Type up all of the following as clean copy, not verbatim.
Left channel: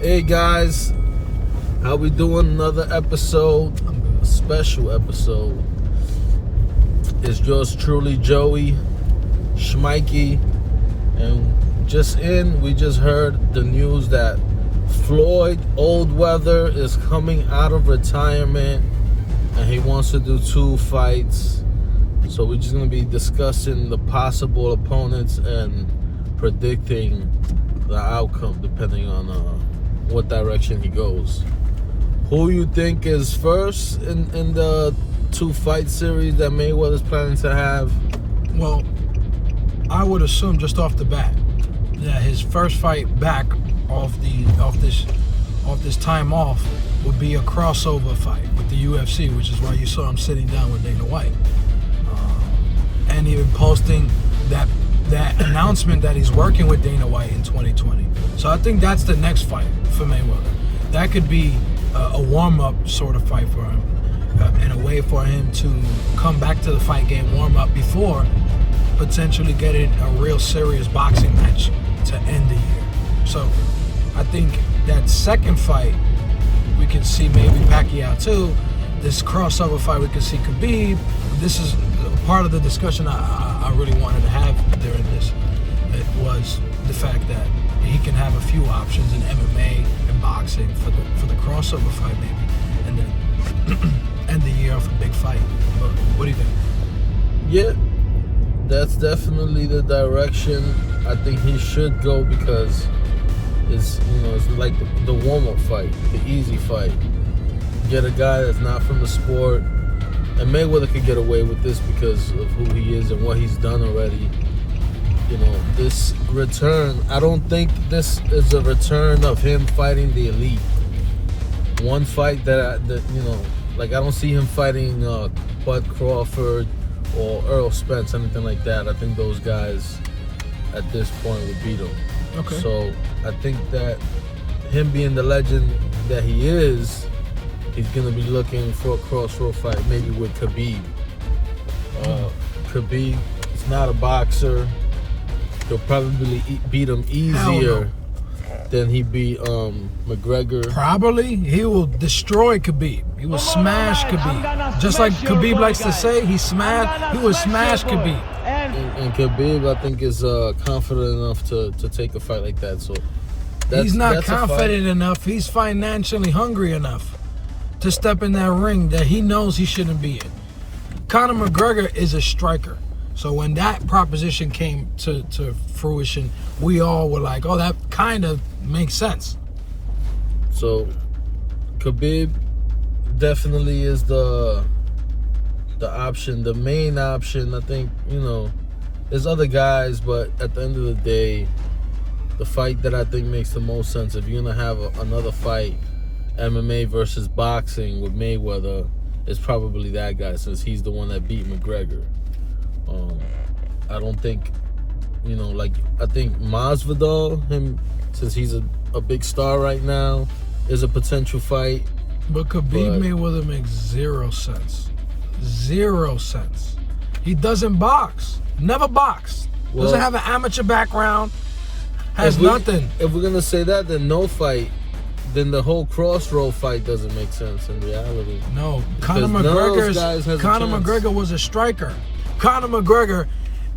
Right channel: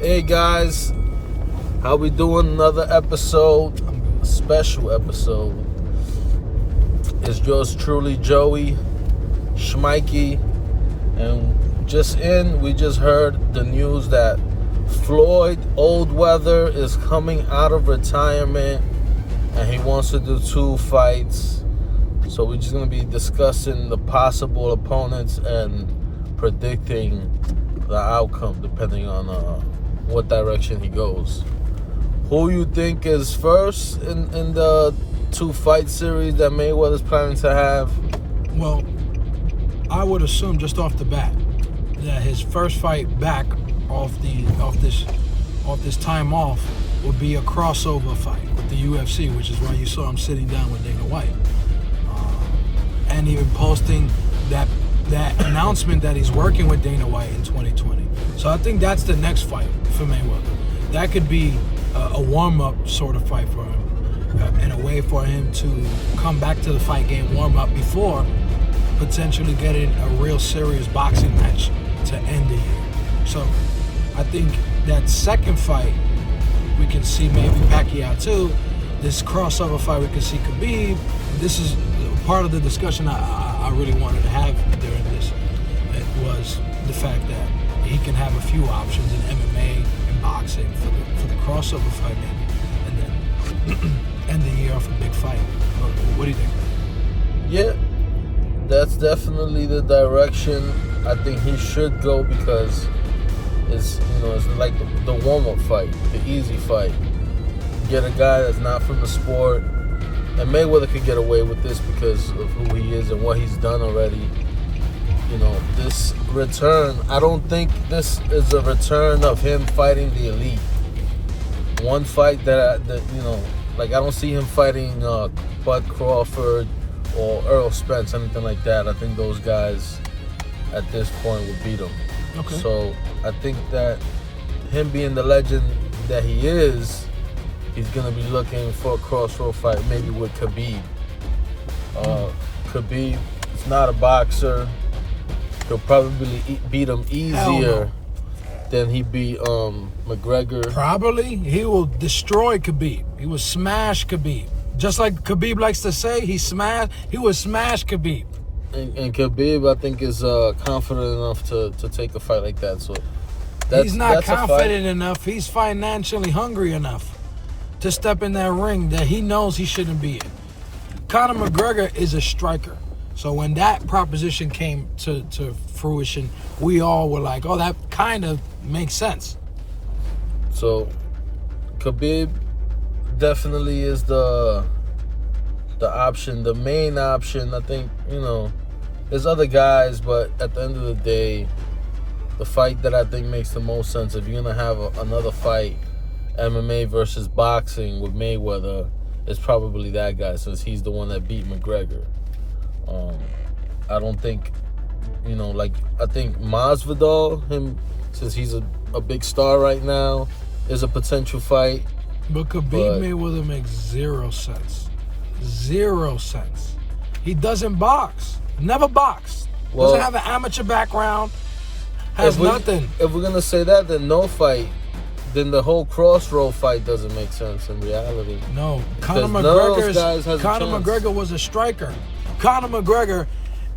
Hey guys, how we doing? Another episode, a special episode. It's yours truly, Joey Schmikey, and we just heard the news that Floyd Mayweather is coming out of retirement, and he wants to do 2 fights. So we're just gonna be discussing the possible opponents and predicting the outcome depending on what direction he goes. Who you think is first in the 2 fight series that Mayweather's planning to have? Well, I would assume just off the bat that his first fight back off this time off would be a crossover fight with the UFC, which is why you saw him sitting down with Dana White, and even posting that announcement that he's working with Dana White in 2020. So I think that's the next fight for Mayweather. That could be a warm-up sort of fight for him, and a way for him to come back to the fight game, warm up before potentially getting a real serious boxing match to end the year. So I think that second fight we could see maybe Pacquiao too. This crossover fight we could see Khabib. This is part of the discussion I really wanted to have during this. It was the fact that he can have a few options in MMA and boxing for the crossover fight maybe, and then end the year off a big fight. What do you think? Yeah, that's definitely the direction I think he should go, because it's like the warm-up fight, the easy fight. Get a guy that's not from the sport, and Mayweather could get away with this because of who he is and what he's done already. This return, I don't think this is a return of him fighting the elite. One fight that I don't see him fighting Bud Crawford or Earl Spence, anything like that. I think those guys at this point would beat him. Okay. So I think that him being the legend that he is, he's gonna be looking for a crossroad fight, maybe with Khabib. Khabib is not a boxer. He'll probably beat him easier than he beat McGregor. Probably. He will destroy Khabib. He will smash Khabib. Just like Khabib likes to say, he will smash Khabib. And Khabib, I think, is confident enough to take a fight like that. So he's not confident enough. He's financially hungry enough to step in that ring that he knows he shouldn't be in. Conor McGregor is a striker. So when that proposition came to fruition, we all were like, oh, that kind of makes sense. So Khabib definitely is the option, the main option. I think, there's other guys, but at the end of the day, the fight that I think makes the most sense, if you're going to have another fight, MMA versus boxing with Mayweather, is probably that guy, since he's the one that beat McGregor. I don't think, I think Masvidal, since he's a big star right now, is a potential fight. But Khabib Mayweather makes 0 sense. 0 sense. He doesn't box. Never boxed. Doesn't have an amateur background. Has nothing. If we're going to say that, then no fight. Then the whole crossroad fight doesn't make sense in reality. No. Conor McGregor was a striker. Conor McGregor,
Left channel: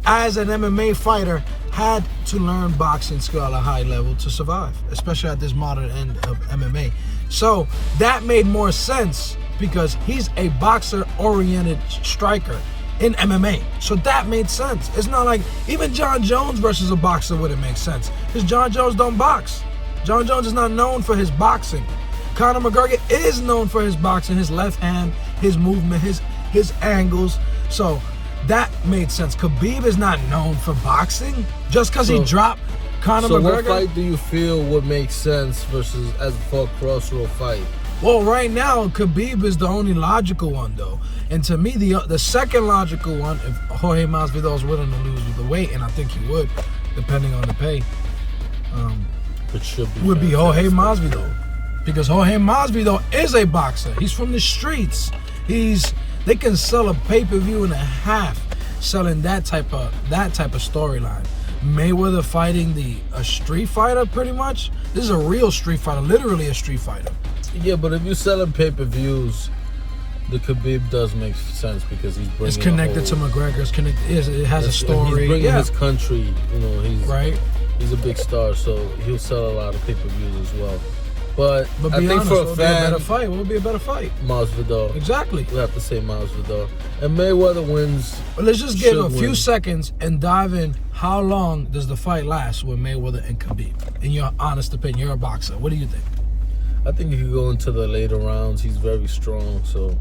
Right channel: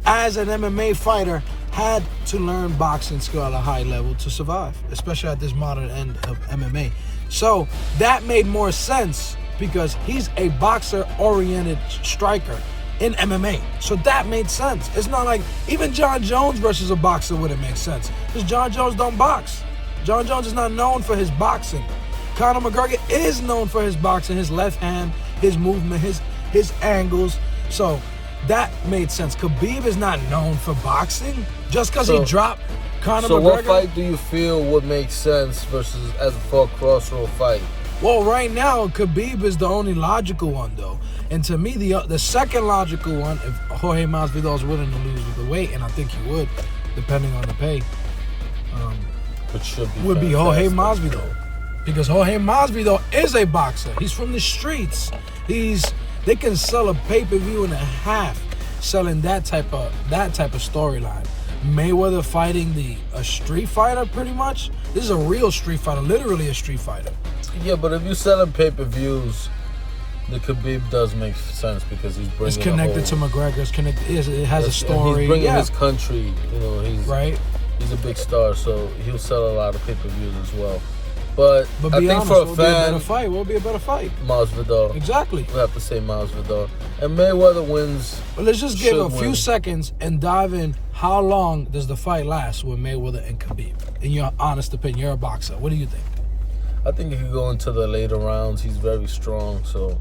as an MMA fighter, had to learn boxing skill at a high level to survive, especially at this modern end of MMA. So that made more sense because he's a boxer-oriented striker in MMA. So that made sense. It's not like even John Jones versus a boxer wouldn't make sense, because John Jones don't box. John Jones is not known for his boxing. Conor McGregor is known for his boxing, his left hand, his movement, his angles. So that made sense. Khabib is not known for boxing. Just because he dropped Conor McGregor. So what fight do you feel would make sense versus as for a crossroad fight? Well, right now, Khabib is the only logical one, though. And to me, the second logical one, if Jorge Masvidal is willing to lose the weight, and I think he would, depending on the pay, would be Jorge Masvidal. Because Jorge Masvidal is a boxer. He's from the streets. They can sell a pay-per-view and a half selling that type of storyline. Mayweather fighting a street fighter, pretty much. This is a real street fighter, literally a street fighter. Yeah, but if you're selling pay-per-views, the Khabib does make sense because he's bringing. It's connected to McGregor. It has a story. He's bringing his country. You know, he's right. He's a big star, so he'll sell a lot of pay-per-views as well. But be I think honest, for a will fan, be a better fight. Will be a better fight. Masvidal. Exactly. We have to say Masvidal. And Mayweather wins. But let's just give a few seconds and dive in. How long does the fight last with Mayweather and Khabib? In your honest opinion, you're a boxer. What do you think? I think he could go into the later rounds. He's very strong, so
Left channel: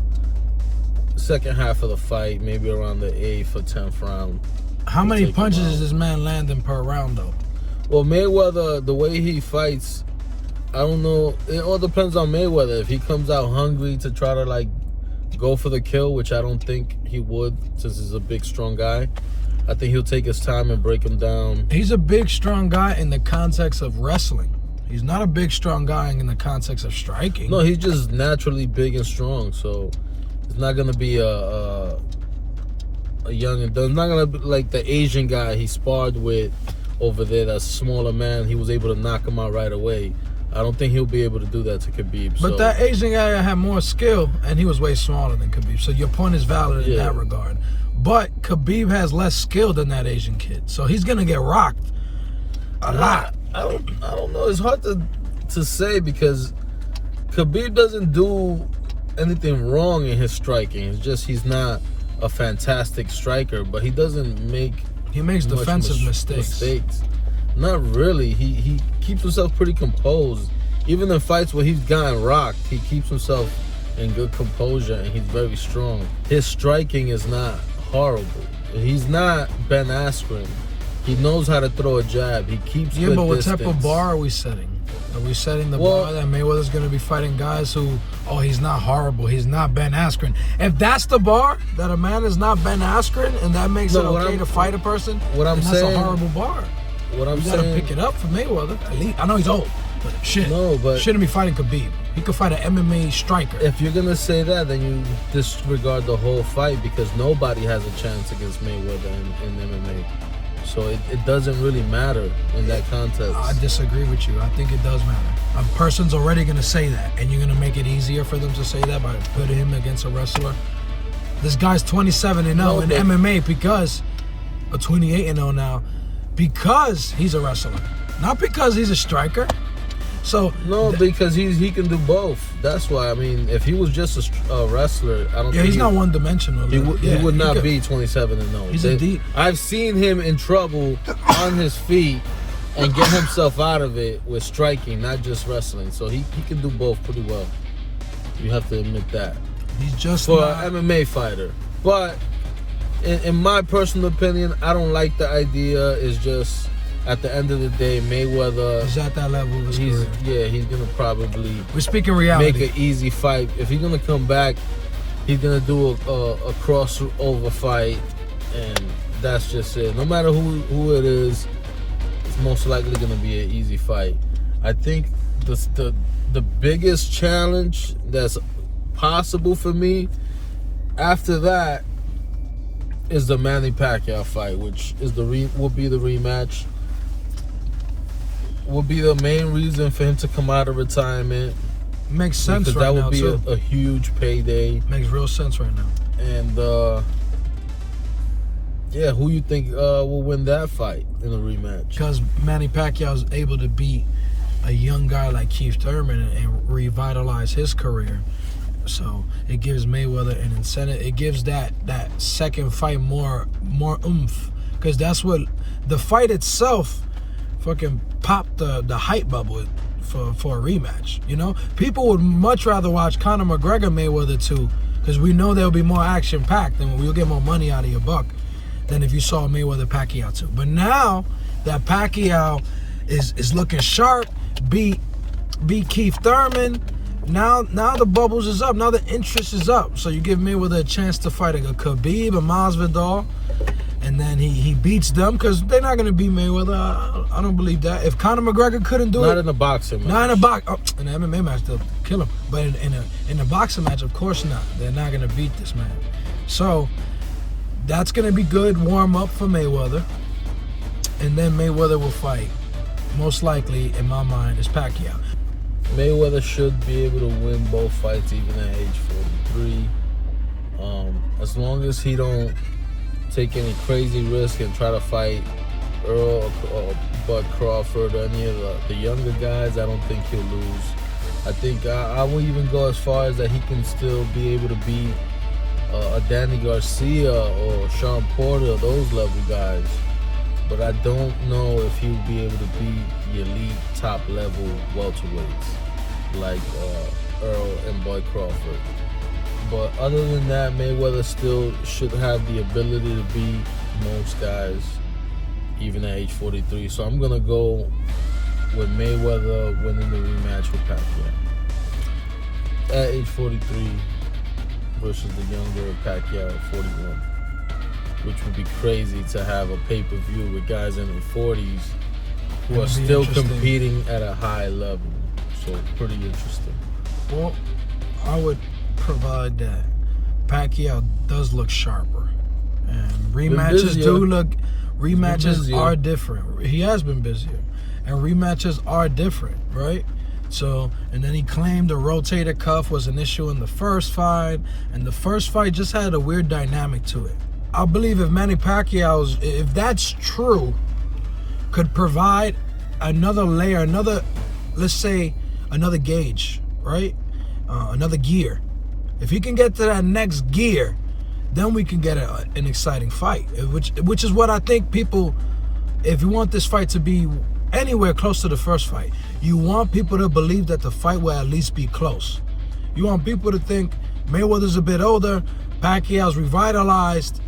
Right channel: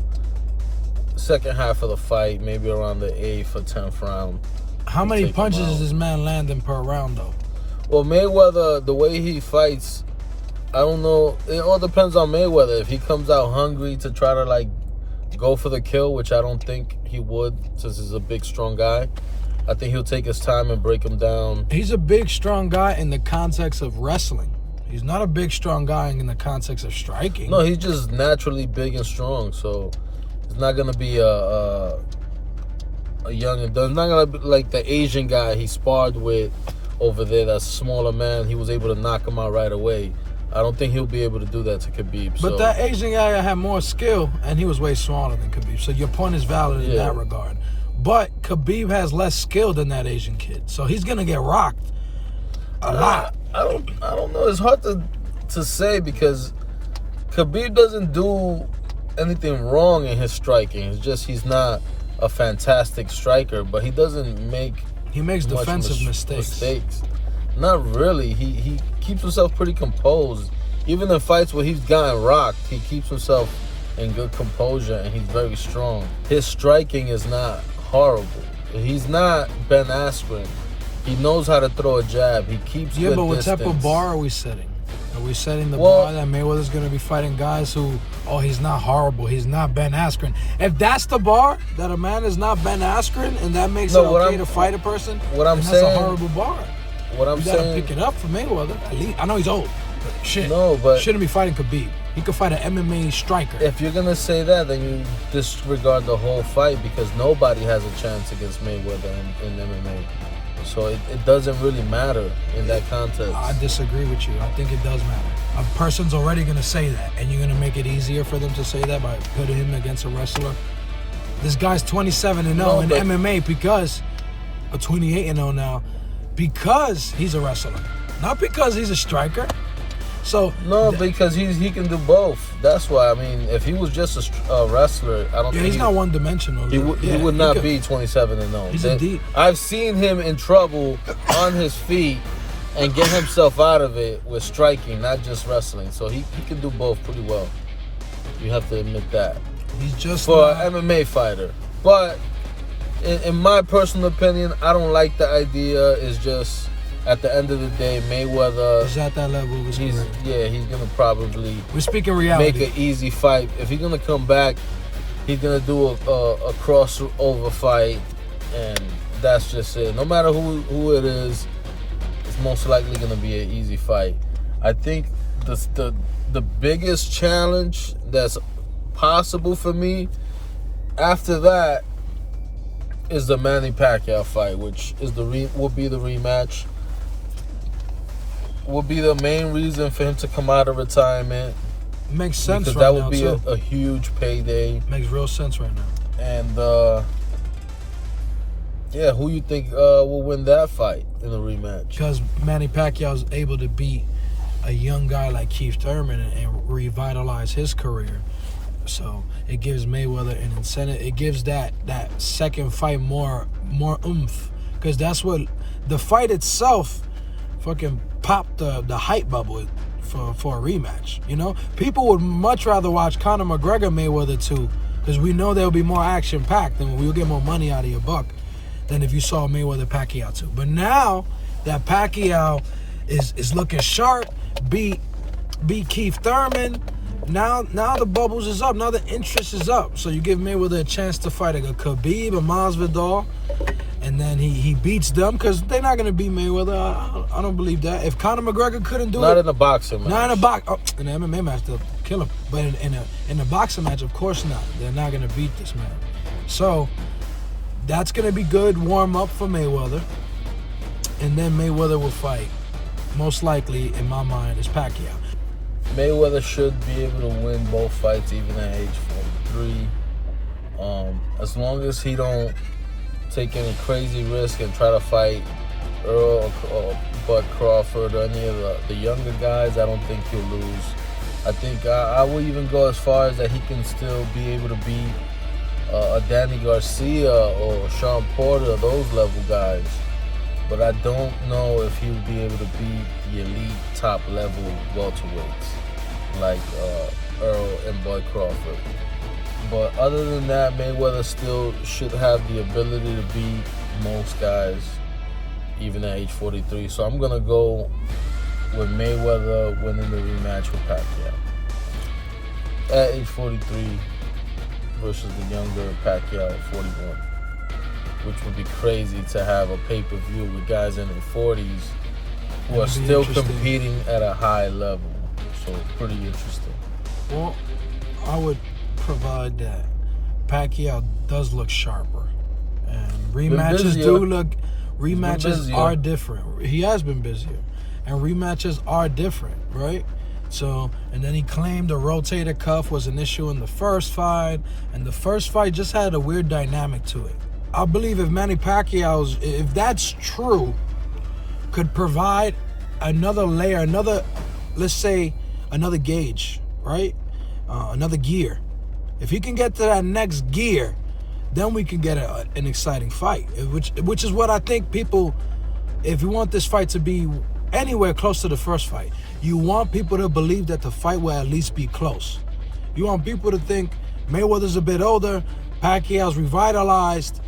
second half of the fight, maybe around the 8th or 10th round. How many punches is this man landing per round, though? Well, Mayweather, the way he fights, I don't know. It all depends on Mayweather. If he comes out hungry to try to, like, go for the kill, which I don't think he would since he's a big, strong guy, I think he'll take his time and break him down. He's a big, strong guy in the context of wrestling. He's not a big, strong guy in the context of striking. No, he's just naturally big and strong, so it's not going to be a young... It's not going to be like the Asian guy he sparred with over there, that smaller man. He was able to knock him out right away. I don't think he'll be able to do that to Khabib. But that Asian guy had more skill, and he was way smaller than Khabib. So your point is valid in that regard. But Khabib has less skill than that Asian kid, so he's gonna get rocked a lot. I don't know. It's hard to say because Khabib doesn't do anything wrong in his striking. It's just he's not a fantastic striker, but he doesn't make. He makes defensive mistakes. Not really. He keeps himself pretty composed. Even in fights where he's gotten rocked, he keeps himself in good composure, and he's very strong. His striking is not horrible. He's not Ben Askren. He knows how to throw a jab. He keeps good but what distance. type of bar are we setting? Are we setting the bar that Mayweather's going to be fighting guys who, he's not horrible, he's not Ben Askren? If that's the bar, that a man is not Ben Askren, and that makes it okay to fight a person, that's a horrible bar. What I'm saying, you got to pick it up for Mayweather. At least, I know he's old, but shouldn't be fighting Khabib. He could fight an MMA striker. If you're going to say that, then you disregard the whole fight because nobody has a chance against Mayweather in MMA. So it doesn't really matter in that context. I disagree with you. I think it does matter. A person's already going to say that, and you're going to make it easier for them to say that by putting him against a wrestler. This guy's 27-0 in MMA because, or 28-0 now, because he's a wrestler, not because he's a striker. So because he can do both. That's why. I mean, if he was just a wrestler, I don't think he's not one-dimensional. He would not be 27-0. He's a deep. I've seen him in trouble on his feet and get himself out of it with striking, not just wrestling. So he can do both pretty well. You have to admit that. He's just for an MMA fighter. But in my personal opinion, I don't like the idea. It's just, at the end of the day, Mayweather is at that level of his career. Yeah, he's going to probably we're speaking reality. Make an easy fight. If he's going to come back, he's going to do a crossover fight, and that's just it. No matter who it is, it's most likely going to be an easy fight. I think the biggest challenge that's possible for me after that is the Manny Pacquiao fight, which is will be the rematch. Will be the main reason for him to come out of retirement. Makes sense right now, because that would be a huge payday. Makes real sense right now. And who you think will win that fight in the rematch? Because Manny Pacquiao is able to beat a young guy like Keith Thurman and revitalize his career. So it gives Mayweather an incentive. It gives that second fight more oomph, because that's what the fight itself fucking popped the hype bubble for a rematch. You know, people would much rather watch Conor McGregor Mayweather 2, because we know there'll be more action packed and we'll get more money out of your buck than if you saw Mayweather Pacquiao 2. But now that Pacquiao is looking sharp, beat Keith Thurman. Now the bubbles is up. Now the interest is up. So you give Mayweather a chance to fight a Khabib, a Masvidal, and then he beats them, because they're not going to beat Mayweather. I don't believe that. If Conor McGregor couldn't do it, not in a boxing match. Not in a box. In an MMA match, they'll kill him. But in a boxing match, of course not. They're not going to beat this man. So that's going to be good warm up for Mayweather. and then Mayweather will fight. Most likely, in my mind, is Pacquiao. Mayweather should be able to win both fights even at age 43. As long as he don't take any crazy risk and try to fight Earl or Bud Crawford or any of the younger guys, I don't think he'll lose. I think I will even go as far as that he can still be able to beat a Danny Garcia or Sean Porter, those level guys. But I don't know if he'll be able to beat the elite top level welterweights like Earl and Bud Crawford. But other than that, Mayweather still should have the ability to beat most guys, even at age 43. So I'm going to go with Mayweather winning the rematch with Pacquiao at age 43 versus the younger Pacquiao at 41. Which would be crazy to have a pay-per-view with guys in their 40s who are still competing at a high level. So pretty interesting. Well, I would provide that Pacquiao does look sharper, and rematches are different. He has been busier, and rematches are different, right? So, and then he claimed the rotator cuff was an issue in the first fight, and the first fight just had a weird dynamic to it. I believe if Manny Pacquiao's, if that's true, could provide another layer, let's say another gauge, right? Another gear. If he can get to that next gear, then we can get an exciting fight, which is what I think people, if you want this fight to be anywhere close to the first fight, you want people to believe that the fight will at least be close. You want people to think Mayweather's a bit older, Pacquiao's revitalized,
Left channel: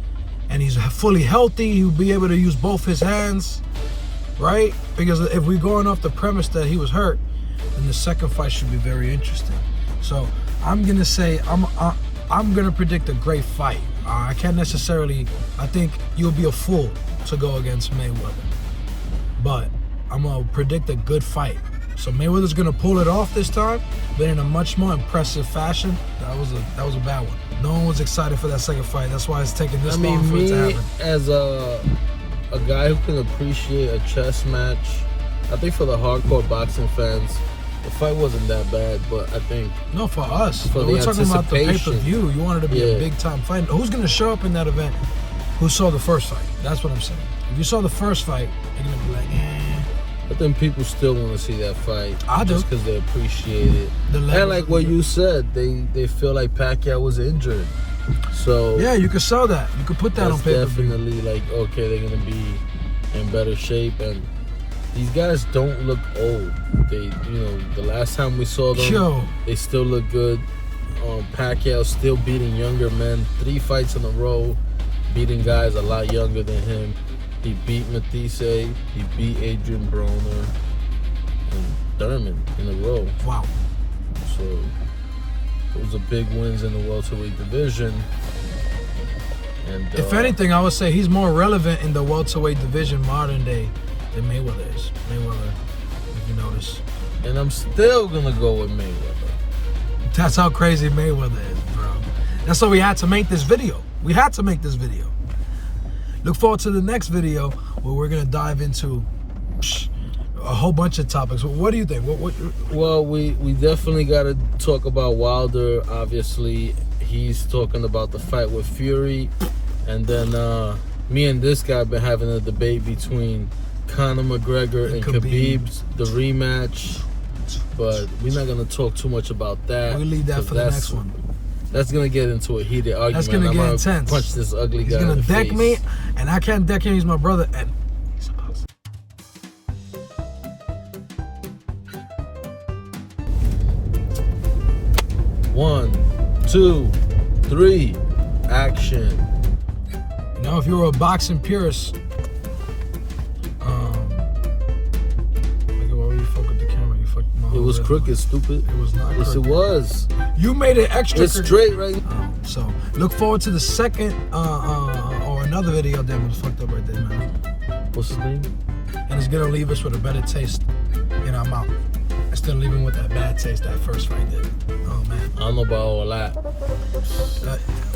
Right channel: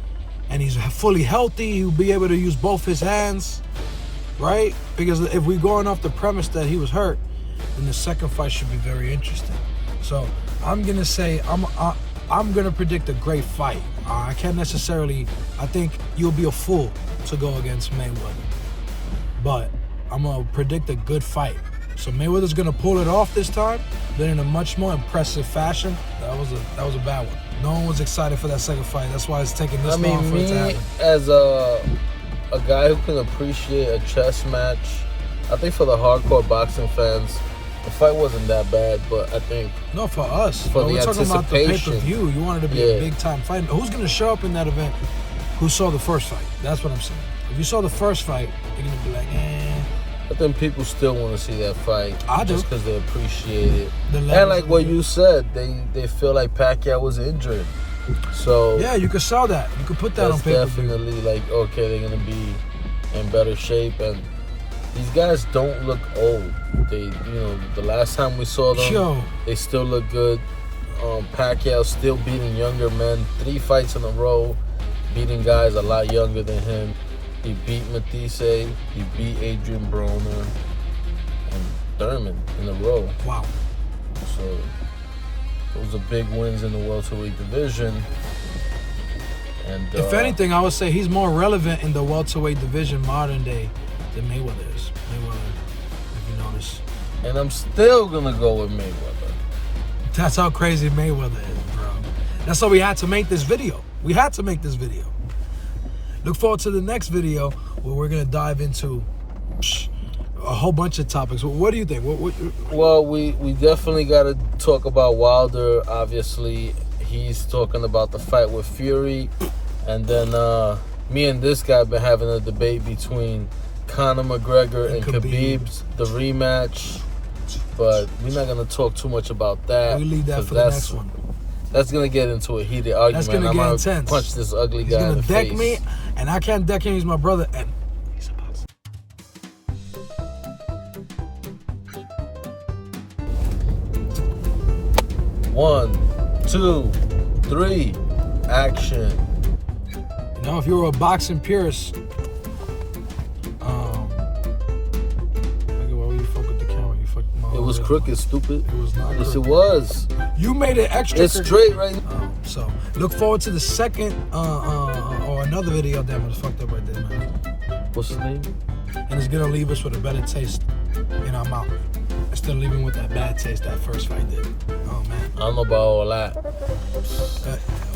and he's fully healthy. He'll be able to use both his hands, right? Because if we're going off the premise that he was hurt, then the second fight should be very interesting. So I'm gonna say I'm gonna predict a great fight. I can't necessarily. I think you'll be a fool to go against Mayweather, but I'm gonna predict a good fight. So Mayweather's gonna pull it off this time, but in a much more impressive fashion. That was a bad one. No one was excited for that second fight. That's why it's taking this long for it to happen. As a guy who can appreciate a chess match, I think for the hardcore boxing fans, the fight wasn't that bad. But I think for us, we're talking about the pay-per-view. You wanted to be a big-time fight. Who's gonna show up in that event? Who saw the first fight? That's what I'm saying. If you saw the first fight, you're gonna be like, I think people still want to see that fight. I do. Just because they appreciate it. And like what you said, they feel like Pacquiao was injured. So yeah, you could sell that. You could put that on pay-per-view. Definitely like, okay, they're going to be in better shape. And these guys don't look old. The last time we saw them, they still look good. Pacquiao still beating younger men. 3 fights in a row, beating guys a lot younger than him. He beat Matisse, he beat Adrian Broner, and Thurman in a row. Wow. So those are big wins in the welterweight division. And if anything, I would say he's more relevant in the welterweight division modern day than Mayweather is. Mayweather, if you notice. And I'm still gonna go with Mayweather. That's how crazy Mayweather is, bro. That's why we had to make this video. Look forward to the next video where we're going to dive into a whole bunch of topics. What do you think? Well, we definitely got to talk about Wilder. Obviously, he's talking about the fight with Fury. And then me and this guy been having a debate between Conor McGregor and Khabib's, the rematch. But we're not going to talk too much about that. We'll leave that for the next one. That's going to get into a heated argument. That's going to get intense. Punch this ugly guy in the face. He's going to deck me, and I can't deck him. He's my brother, and he's a boxer. 1, 2, 3, action. Now, if you were a boxing purist, it was crooked, stupid. It was not. Yes, it was. You made it extra. It's straight right now. So look forward to the second or another video. Damn, it was fucked up right there, man. What's his name? And it's gonna leave us with a better taste in our mouth. Instead of leaving with that bad taste that first fight did. Oh man. I don't know about all that.